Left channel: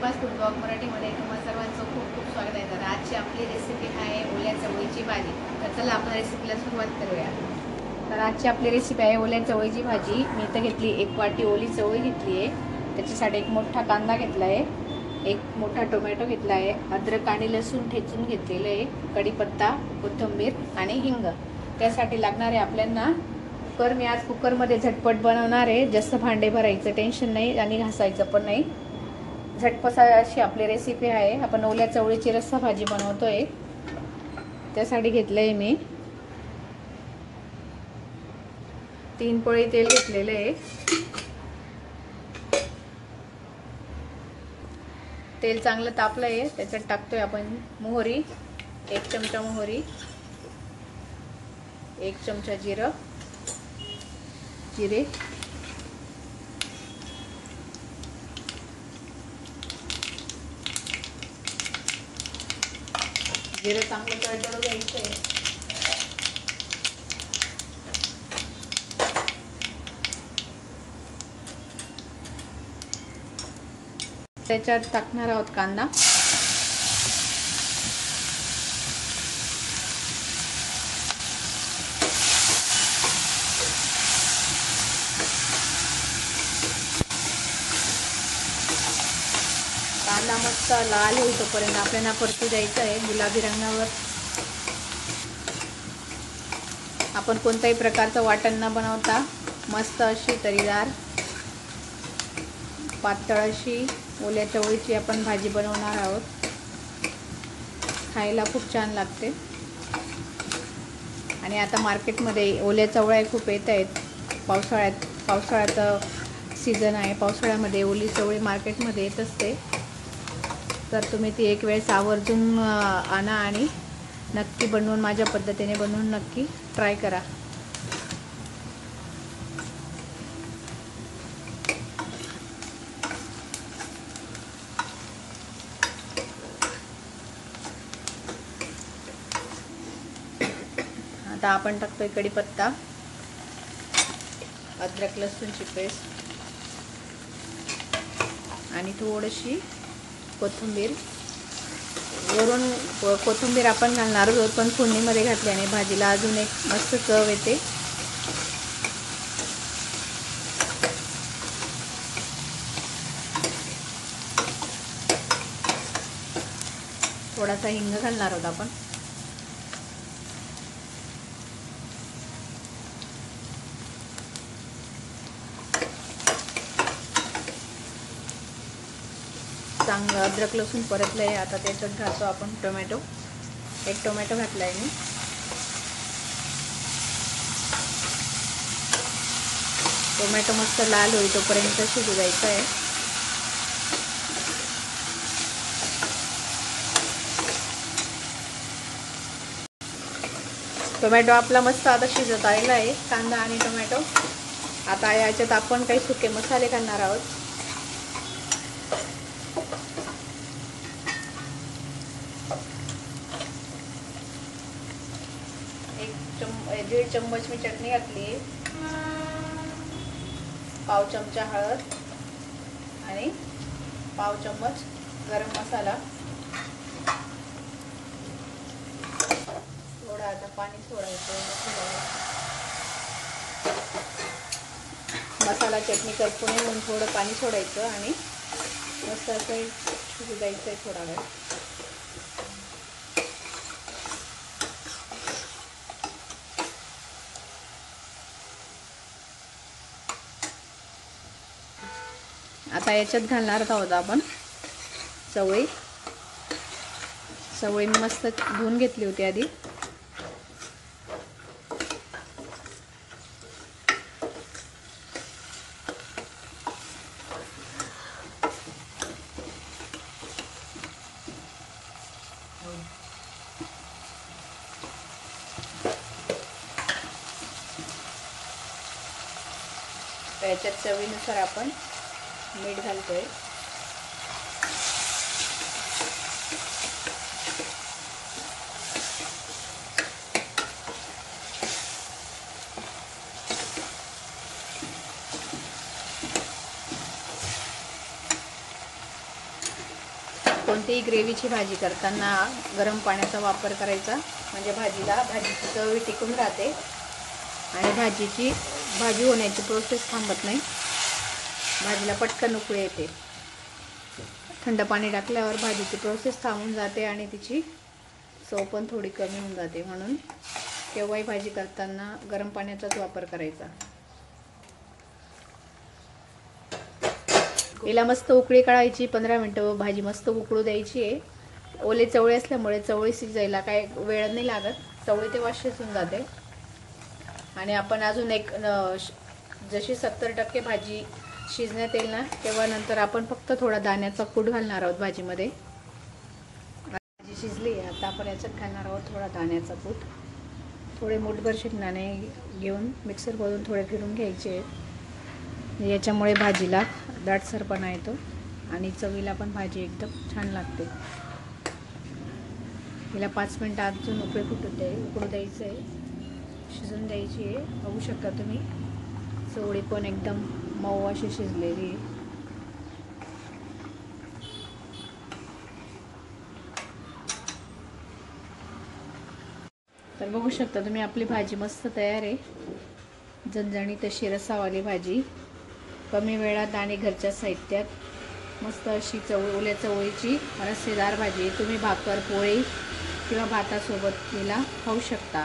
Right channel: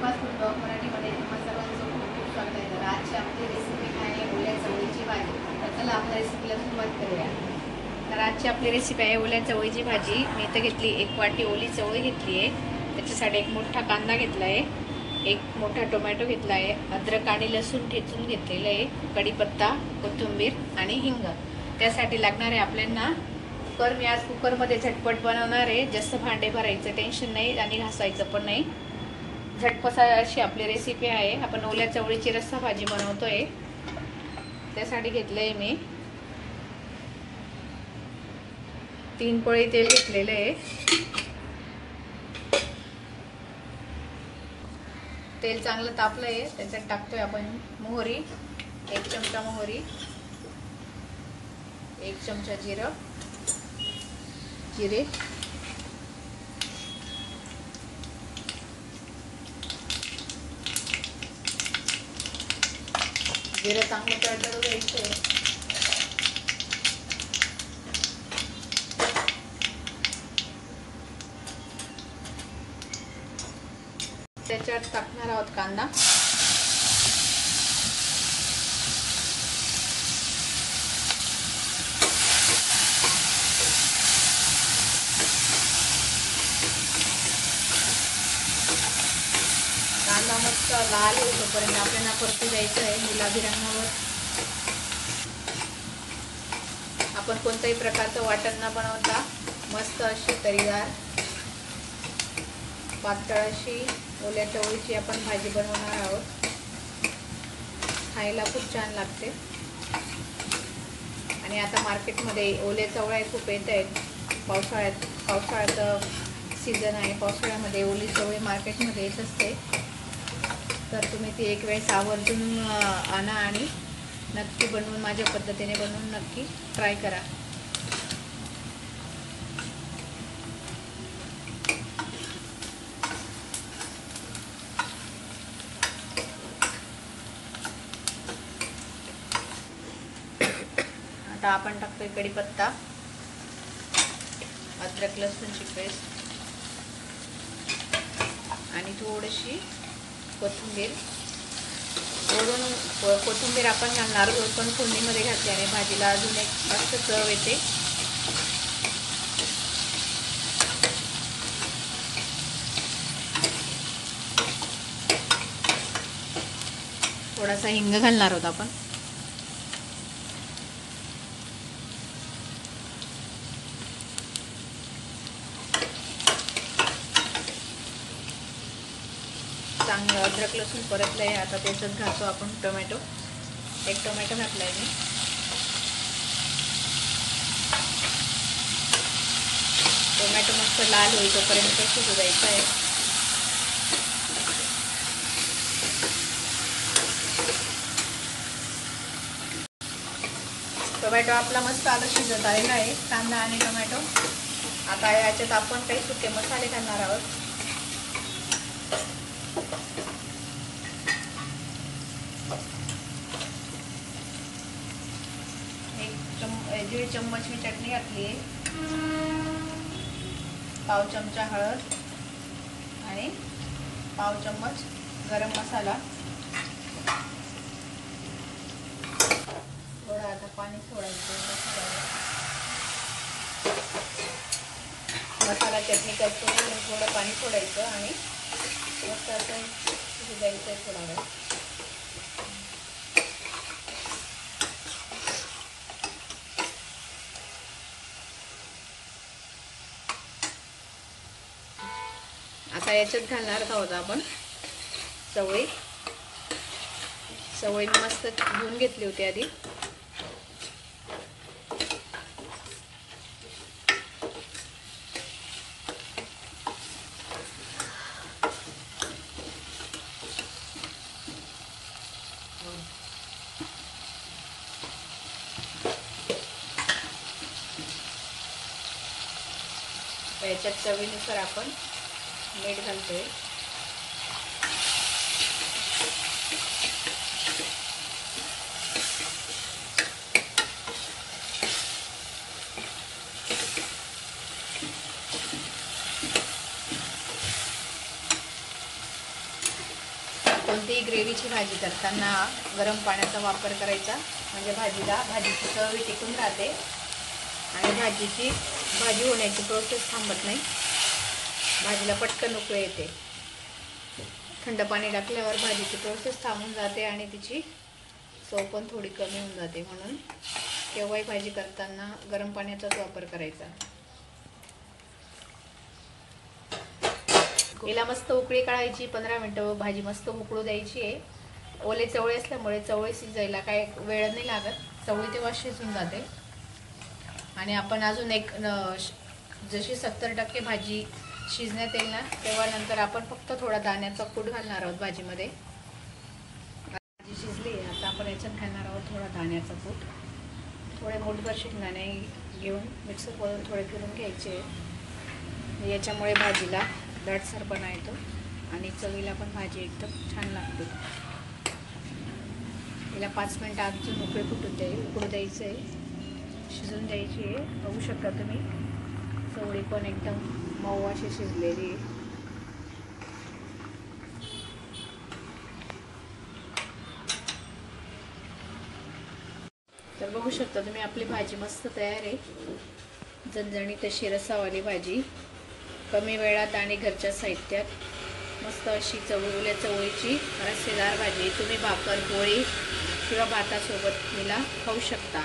Deepa's food blog मराठीमध्ये तुम्हाला सर्वांचं खूप खूप स्वागत आहे. तर आजची आपली रेसिपी आहे ओल्या चवळीची भाजी. तर चला आपण रेसिपीला सुरुवात करूया. तर आजची आपली रेसिपी आहे ओल्या चवळीची भाजी. मी इथं घेतली 1 वाटी ओली चवळी घेतली आहे. त्याच्यासाठी 1 मोठा कांदा घेतला आहे, 1 मोठा टोमॅटो घेतला आहे, अद्रक आणि लसूण ठेचून घेतलेलं आहे, कढीपत्ता, कोथिंबीर आणि हिंग. त्यासाठी लागणार आहे आपल्याला कुकर. मी आज कुकरमध्ये झटपट बनवणार आहे. जास्त भांडे भरायचं टेन्शन नाही आणि घासायचं पण नाही. झटपट अशी आपली रेसिपी आहे. आपण ओल्या चवळीची रस्सा भाजी बनवतोय. त्यासाठी घेतलंय मी 3 पळी तेल घेतलेलं आहे. तेल चांगलं तापलं आहे. त्याच्यात टाकतोय आपण मोहरी, 1 चमचा मोहरी, 1 चमचा जिरे, जिरं चांगलं तडतडू द्यायचं. त्याच्यात टाकणार आहोत कांदा. कांदा मस्त लाल होईपर्यंत आपल्याला परतू द्यायचं आहे गुलाबी रंगावर. आपण कोणत्याही प्रकारचं वाटण न बनवता मस्त अशी तरीदार पातळ अशी ओल्या चवळीची आपण भाजी बनवणार आहोत. खायला खूप छान लागते. आणि आता मार्केटमध्ये ओल्या चवळ्या खूप येत आहेत. पावसाळ्याचा सीझन आहे. पावसाळ्यामध्ये ओली चवळी मार्केटमध्ये येत असते. तर तुम्ही ती एक वेळेस आवर्जून आणा आणि नक्की बनवून माझ्या पद्धतीने बनवून नक्की ट्राय करा. आता आपण टाकतोय कढीपत्ता, अद्रक लसूणची पेस्ट आणि थोडीशी कोथिंबीर. वरून कोथिंबीर आपण घालणार आहोत, पण फोडणीमध्ये घातल्याने भाजीला अजून एक मस्त चव येते. थोडासा हिंग घालणार आहोत आपण. चांगलं अद्रक लसूण परतलं आहे. आता त्याच्यात घालतो आपण टोमॅटो. 1 टोमॅटो घातला आहे मी. टोमॅटो मस्त लाल होईल तोपर्यंत शिजू द्यायचा आहे. टोमॅटो आपला मस्त आता शिजत आलेला आहे, कांदा आणि टोमॅटो. आता याच्यात आपण काही सुके मसाले घालणार आहोत. 1 चम्मच मी चटणी घातली, पाव चमचा हळद आणि पाव चम्मच गरम मसाला. थोडं आता पाणी सोडायचं. मसाला चटणी करतो म्हणून थोडं पाणी सोडायचं आणि मस्त असं शिजू द्यायचं थोडा वेळ. आता याच्यात घालणार आहोत आपण चवळी. चवळी मस्त धुवून घेतली होती आधी. याच्यात चवीनुसार आपण मीठ घालतोय. कोणतीही ग्रेव्हीची भाजी करताना गरम पाण्याचा वापर करायचा, म्हणजे भाजीची चव टिकून राहते आणि भाजी होण्याची प्रोसेस थांबत नाही, भाजीला पटकन उकळी येते. थंड पाणी टाकल्यावर भाजीची प्रोसेस थांबून जाते आणि तिची चव पण थोडी कमी होऊन जाते. म्हणून केव्हाही भाजी करताना गरम पाण्याचाच वापर करायचा. हिला मस्त उकळी काढायची, 15 मिनटं भाजी मस्त उकळू द्यायची आहे. ओले चवळे असल्यामुळे चवळी शिजायला काय वेळ नाही लागत, चवळी तेव्हा शिजून जाते. आणि आपण अजून एक जशी 70% भाजी शिजण्यात येईल ना, तेव्हा नंतर आपण फक्त थोडा दाण्याचा कूट घालणार आहोत भाजीमध्ये. भाजी शिजली, आता आपण याच्यात घालणार आहोत थोडा दाण्याचा कूट. थोडे मोठभर शेंगदाणे घेऊन मिक्सरमधून थोडे फिरून घ्यायचे. याच्यामुळे भाजीला दाटसरपणा येतो आणि चवीला पण भाजी एकदम छान लागते. हिला 5 मिनटं अजून उकळू द्यायचं आहे, शिजून द्यायची आहे. बघू शकता तुम्ही, चवळी पण एकदम मऊ अशी शिजलेली. तर बघू शकता तुम्ही, आपली भाजी मस्त तयार आहे. झणझणीत अशी रसावाली भाजी, कमी वेळात आणि घरच्या साहित्यात मस्त अशी ओल्या चवळीची रस्सेदार भाजी तुम्ही भाकर, पोळी किंवा भातासोबत हिला खाऊ शकता.